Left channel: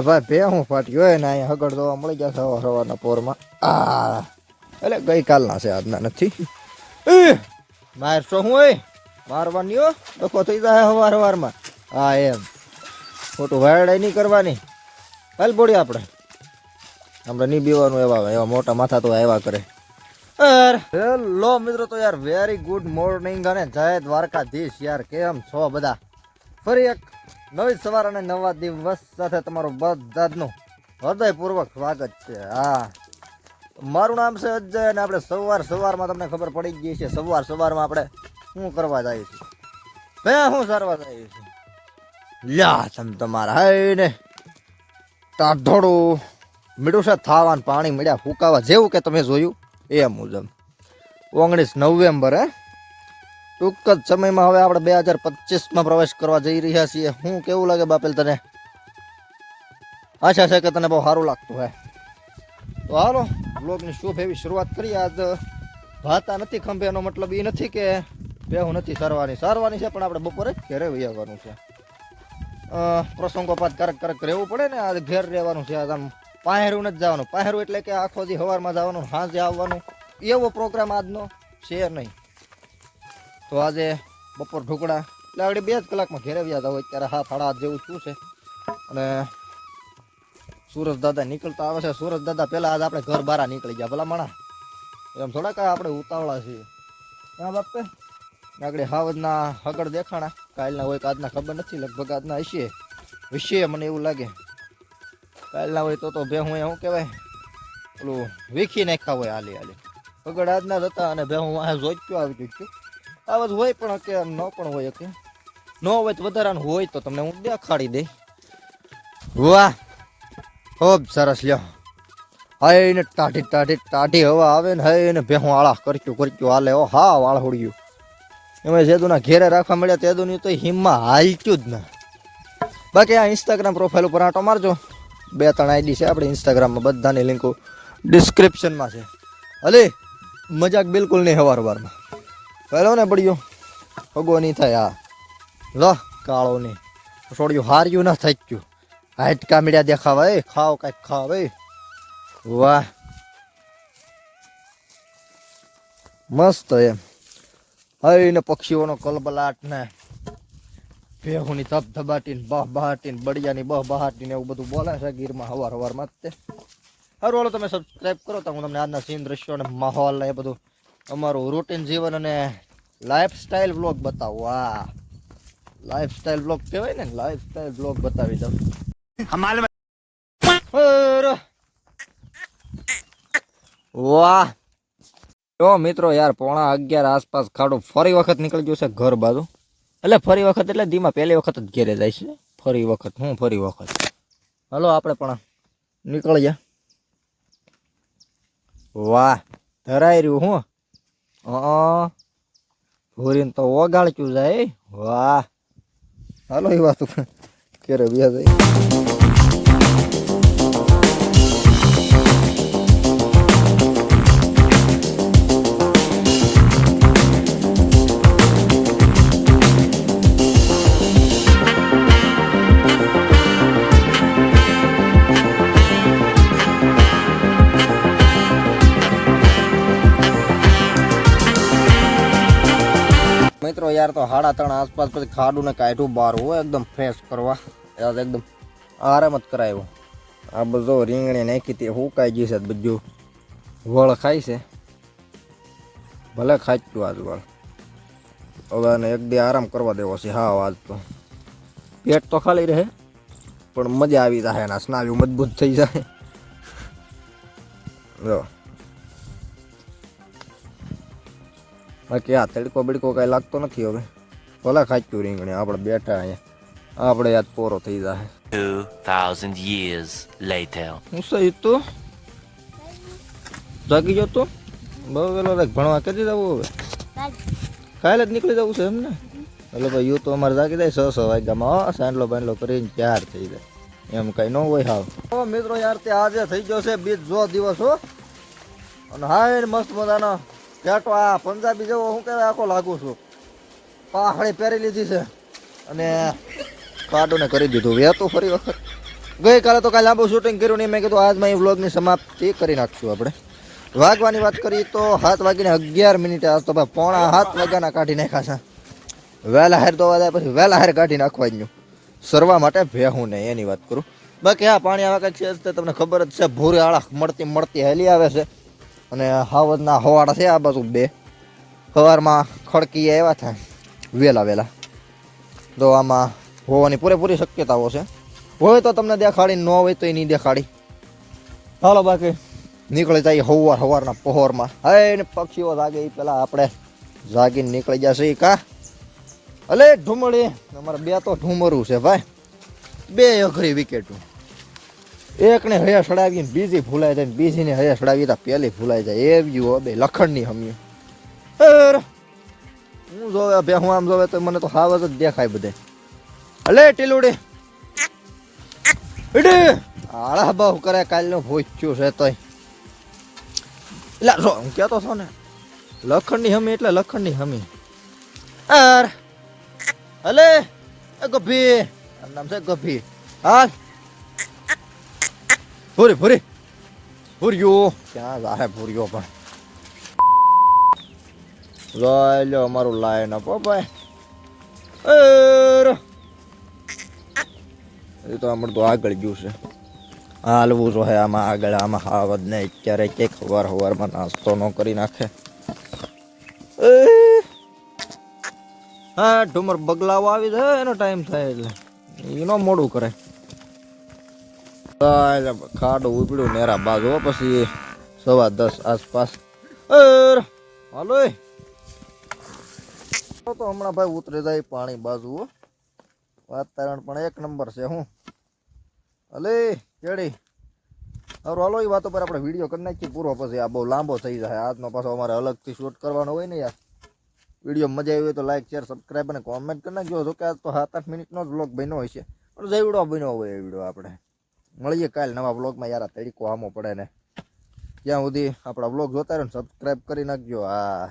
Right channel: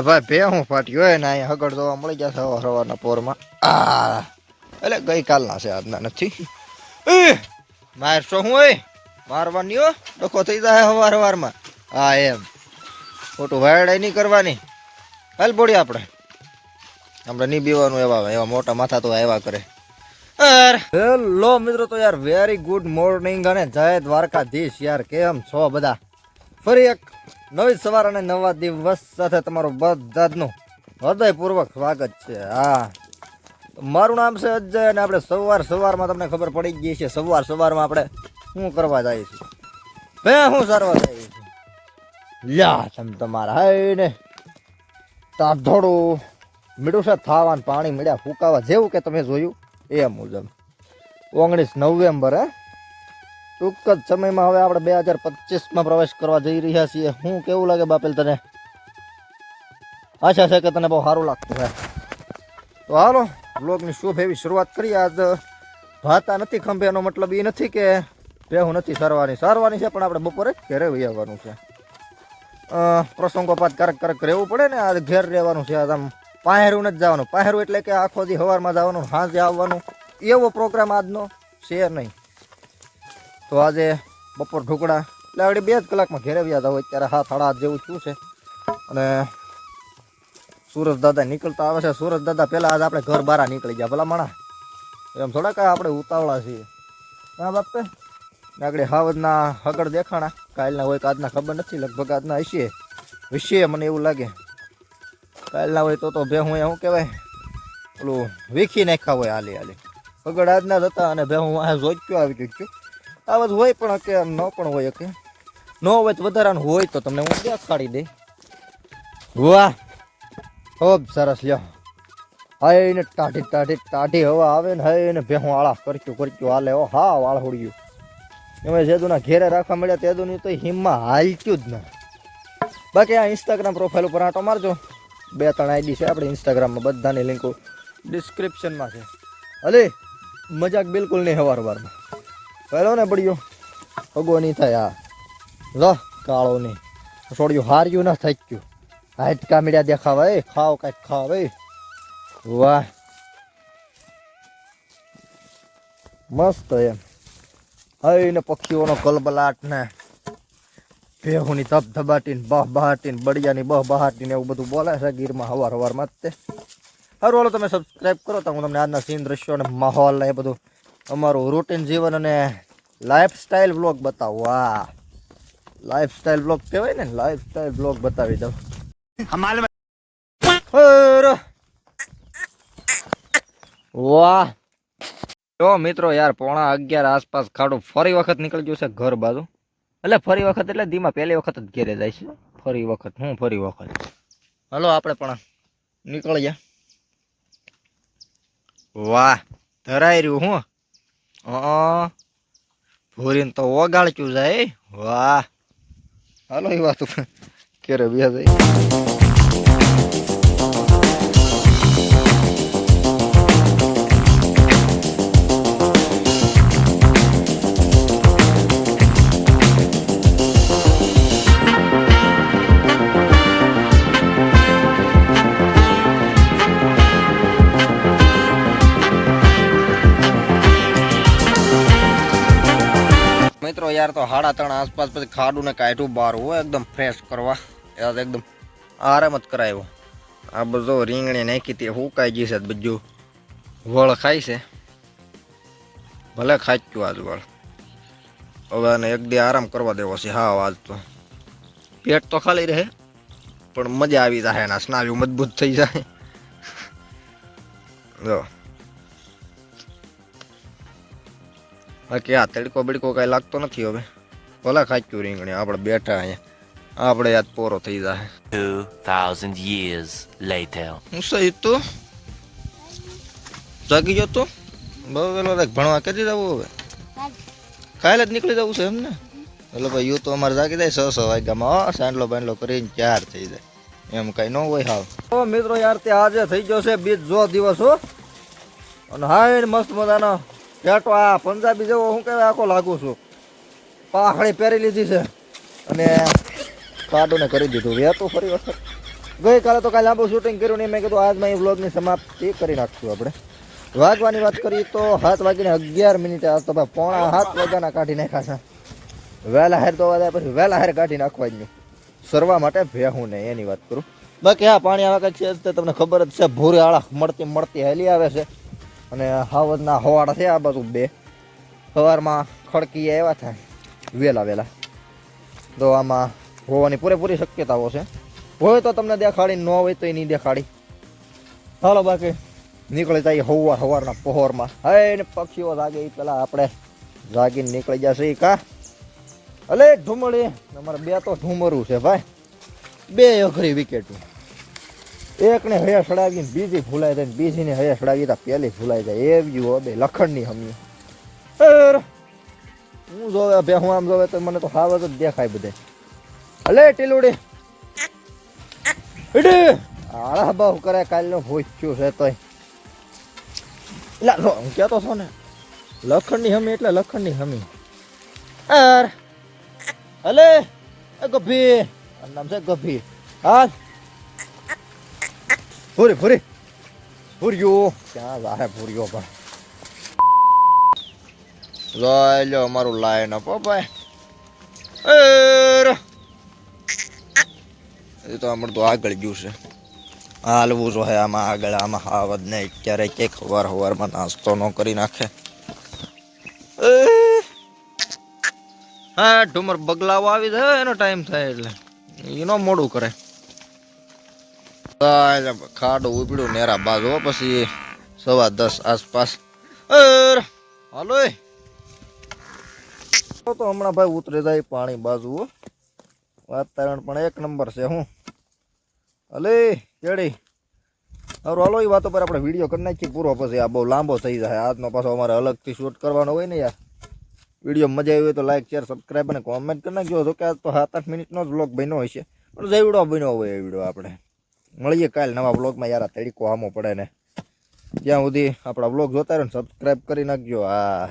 ભાઈ ભે હું ફાટ્યો હોય ને અહીંયા હગડ જોવા મળી ગયા સવાર સવારના પોરમાં. આ, એટલે ગઈકાલના છે આજના નથી. મારશો હું એ? મારવાની હો? ડખો થઈ જાય સવાર સવારમાં હા, એમ. ખોટું વાયડાઈ નહીં કરવાની. હાલ બોડી આપણે. આપણે નહીં બીવાનું એવા એવા મોટા માથા તો આવ્યા કરે. હેલો મિત્રો, તો યાર વેરી ગુડ મોર્નિંગ અને જય દ્વારકાધીશ યાર. કેમ છો બધા? ફરી એક નવી સવાર અને નવા દિવસ સાથે તમારું બધાનું હૃદયપૂર્વક સ્વાગત છે. હા. મારું નામ છે અજય અને આપણે સવાર સવારમાં તમને ખબર પડી ગઈ છે, સવાર સવારમાં આપણે શું કરવા જઈએ છીએ બે શું સારવા જઈએ છીએ લ્યા તમ તમારા હે ને. તાઢોડું મીઠું છે, થાવાનું પાણી મળ્યા ફૂકાવા જેવું કે તમે જોયું? એ મુજબ. ઓગણીસ નવેમ્બર, હે? ટૂંક જ સમયમાં હવે આપણે બે હજાર પચીસમાં પ્રવેશ કરવા જઈ રહ્યા છીએ. હું કેવું લાગે બાપેલ તને? આશા છે કે તને બહુ સારું લાગતું હે તો હાલો બ્લોગની શુભ એવી શરૂઆત કરી આજ ભાતા નથી ખંભે, એનો મતલબ એ નથી કે બેહું નથી સારવાની સારવાની છે, પણ આપણે બપોરે ઘેરે વહી આવવાનું છે. પ્રસંગોપાત કરક કરક રહેવું પડે ને આ ઘેર રહેવાનું છે. આજ આમ પાહેરું નથી જવાનું. પાહેરું એટલે કે આખો દી સવારમાં જવાનું સાંજે આવવાનું. એવો પ્રોગ્રામ આજનો છે નહીં. તો આજે બપોર ઢોકળા. એટલે આગળ બે જ કલાકમાં ઘેરે વ્યા હતા અત્યારે હાથ હાડા હાથ જેવું શું છે. અને સુરજ દાદા નીકળતા આવે છે. સુરજ દાદા પહેલાં આજ આપણે ઘર બહાર નીકળી ગયા, ભલા માણા એમ થોડા કાંઈ આપણે ઉતાવળા છીએ. હા, બાપે? આગળ હાવજના હગડ દેખાણા. કાલના હોય કે આજના ખબર નથી, લગભગ આજના હશે. વિશે મને એવું લાગે. કાલના હોય તો તો બે હું શું કહેવાય? પેલું વીખી નાખ્યા હોય હાલી હાલી. હગડ આજના જ હતા અને બે હું આ જોઈતું આવી ગયું આ બધું હોય પણ કે ન પણ હોય કે ન હોય તો વધારાનું હોય તો તમને હું દેખાડી દઈ વાહ. ખૂબ સરસ લ્યો. હૈ ને ટાઢી ટાઢી ટાઢી હવા આવે ને હાય ને ભેહું આળા કરક્યું કરક્યું હાલે. ઓ હા વાળ હોડ્યું એમાં જેદુના ઘેરે રાખવા મળ્યા તેદુની તો હિમમાં હાલક્યું જ ના. બાકી આ ઇન્સ્ટાગ્રામ પ્રોફાઇલ ઉપર આંટો મારજો. બે ત્રણ આઈડી છે આપણે ઇન્સ્ટાગ્રામમાં બધાની લિંકો ડિસ્ક્રિપ્શનમાં છે. અલે, મજાક બિલકુલ નહીં હવાર વારમાં પહેલો ને પડ્યો. અગો નહીં થાય. આ લો કાળો નહીં થોડું હાર્યું ના થઈ ગયું. હાટકા મીડિયા દેખાવા, એ ખાવ કાંઈક ખાવ વાહ. મસ્ત એમ. ને પક્ષીઓનો કલબલાટ ને ભેહુની તપ ધબાટીને, બહ બહાટીને, બળિયાની બહ બહાટીને એવું બધું બોલે છે ગીરમાં હવાર હવારમાં જ તે. સારું તમે સબસ્ક્રાઈબ કરો તો હું તમને આજના સીન દ્રશ્યો અને માહોલ ને એ બધું અમારું રૂટીન જીવન અને લાઈફ સ્ટાઈલ બ્લોગ બતાવો. વાહ. લાઈફ સ્ટાઈલ બ્લોગ કહેવાય ને લાઈફ સ્ટાઈલ બ્લોગ બતાવી દઉં. વાહ. જો મિત્રો યાર પોણા અગિયાર આસપાસ ખાડું ફરી વખત નીકળી ગયું છે ઘર બાજુ. એટલે ફરી વખત એટલે ધીમા પહેલી વખત જ ઘેરે જાય છે. ફરી વખત હું ફરી વખત. હલો આપણે પણ નીકળીએ. વાહ. ધરાઈ રહ્યું હું. હા. ભૂરીને તો ઓગાળચ્યું જાય. વાહ. હાલો એ વાત ક્યારે વ્યા જાય. યાર, તો સાડા ત્રણ આસપાસ પછી ખાડું ને કાઢ્યું બહાર હોય એકદમ ફ્રેશ કરવા. યાર, એકદમ આરામ જ કરાવ્યો આ બધો રીંગણી નાખી તે હુકાઈ ગઈ છે બધું. વળ ખાય છે. ભલે ખાચ્યું આજ વળ. હવે આને એક દી આરામ કરવા દેવો છે હા આજ તો. પેટ તો ખાલી રહે, પણ મજા આવી જાય એના સ્નાયુ મજબૂત થઈ જાય જો. બાકી આ તડકો બડકો કાંઈ લાગતો નથી હવે. ભલે ખાચ્યું રીંગણી આપણે બેઠા અહીંયા. આપણે યાદ પોરો થઈ જાય 2,000 years later. હું સહી તો. જાગી ગયો તો? બહુ વેલો રાખ ભણવા કરી જવું હવે? કાલે જ નીકળી જવું છે એમ ને? એટલે ભાઈ યુ તો અમારે જાગી જાય છ છ વાગ્યામાં હો સાંડલો બાંડલો કરીને ચાર થઈ જાય. એમ કઈ ન હોય હાવ. ઓ મિત્રો યાર તે આજે થઈ ગયો છે બીજ જો દિવસ હો. અને હાય મસ્ત મજાનો. પેટો આ પંજાબી જેવો હું કહેવાય આખો લાગુ છું. પાખડી પહેરી લીધી છે. અને કાડુને કરી દીધું. વેતું ફરી વખત. ગઈકાલે તો કાલે લાંબુ શૂટિંગ કર્યું નહીં. મેં કીધું આજમાં એ વ્લોગની સમાપ્તિ કરી નાખશું આપણે. વાગવાની વાત કરીએ તો સાત વાગીને અગિયાર મિનિટે આજ તો ભાઈ પોણા સાત વાગ્યાના કાઢી નાખ્યા છે. વહેલા હાર તો વાગ્યા પછી વહેલા હાર કાઢી નાખવા જ સરવા માટે ભેહું ને એની વાત કરું. બાકી હા પાણી આવા કંઈક છે તમને ખબર જ છે. ભૂરી આળા મળતી મળતી હેલી આવે છે. અને હાવજના હવાડા છે આ બાજુ બે. સવારમાં ખડકી એવા થાય વહેલા વહેલા તો આમાં હોવાની પૂરેપૂરી શક્યતાઓ છે. હોય તો તમને દેખાડી, ન હોય તો એ નહીં દેખાડી. હાલો બાકી, નીકળી જાય હવાર હવારના પહોરમાં. હે, ને પક્ષીઓ જાગે એ પેલા આપણે જાગીને નીકળી જશે કા? અલે ઢુમડી અમારે બે તો ઢુમરું છે ભાઈ. બે અઘરી વિકેટ એકને હયા સડાવી ને બીજી ભૂલાઈ જાય બીજીને હયા સડાવી તો પેલી ભૂલાઈ જાય. એવી હો બે લખણની હમી. હું જોવે બે હું આમ જોવે તો મને તો હાવ જ દેખાય બધે. અલે, ટીલુડી. એડે, આળા બહુ કરે, કાલનો ભોચ્યું છે તોય. એટલે જો, હું કહેતો છો ને, લખણની હમી એટલે લખણની હમી. અર, અલે ગભી નામ છે ગભી હા ભૂરી ભૂરી. ભૂર્યો. ક્યાં જાહે ભૂર્યો પણ. જોઈ લો અમારું લાઈન અપ ભાઈ. એ તો આમળ તો આગળ ગયું છે. હાલવું જો હે આમાં આગળ, આમાં હાવદ ને અત્યારે કે હવાર હવારમાં નાસ્તો ન કરી નાખે. હા, ઢુમર બગલાવો આવી જાય, એનો ટાઈમ થાય એટલે. એનો મોડું કરે. ખાડું ઉપડ્યું, નેરા બાજુ પછી સવા દસ આસપાસ. હાલો. તો હમણાં ભાઈ ઉતરે જાય પાણી બાજુ. વાતાવરણ પણ એક નંબર છે, હું. અલે કેડી. હારું, હાલો એ વાતો પર આપણે વીડિયો કરી નાખીએ પૂરો, પછી આ બહુ લાંબો થઈ જાય. આજનો પાછો અમારે અલગથી શૂટ કરવાનો હોય ને યાર. વીડિયો મજા આવી હોય તો લાઈક શેર સબસ્ક્રાઈબ અને કોમેન્ટ કરી નાખજો. જો કે આજ તો સાત આઠ મિનિટનો જ બ્લોગ બન્યો છે પણ જે વીડિયો બન્યો હોય એ વીડિયો આપણે. મળીએ કાલ નવા બ્લોગમાં યાર તડીકો આમો પડે ને. ત્યાં સુધી આપણા બ્લોગ જોતા રહો ને સબસ્ક્રાઈબ કરી નાખજો. હા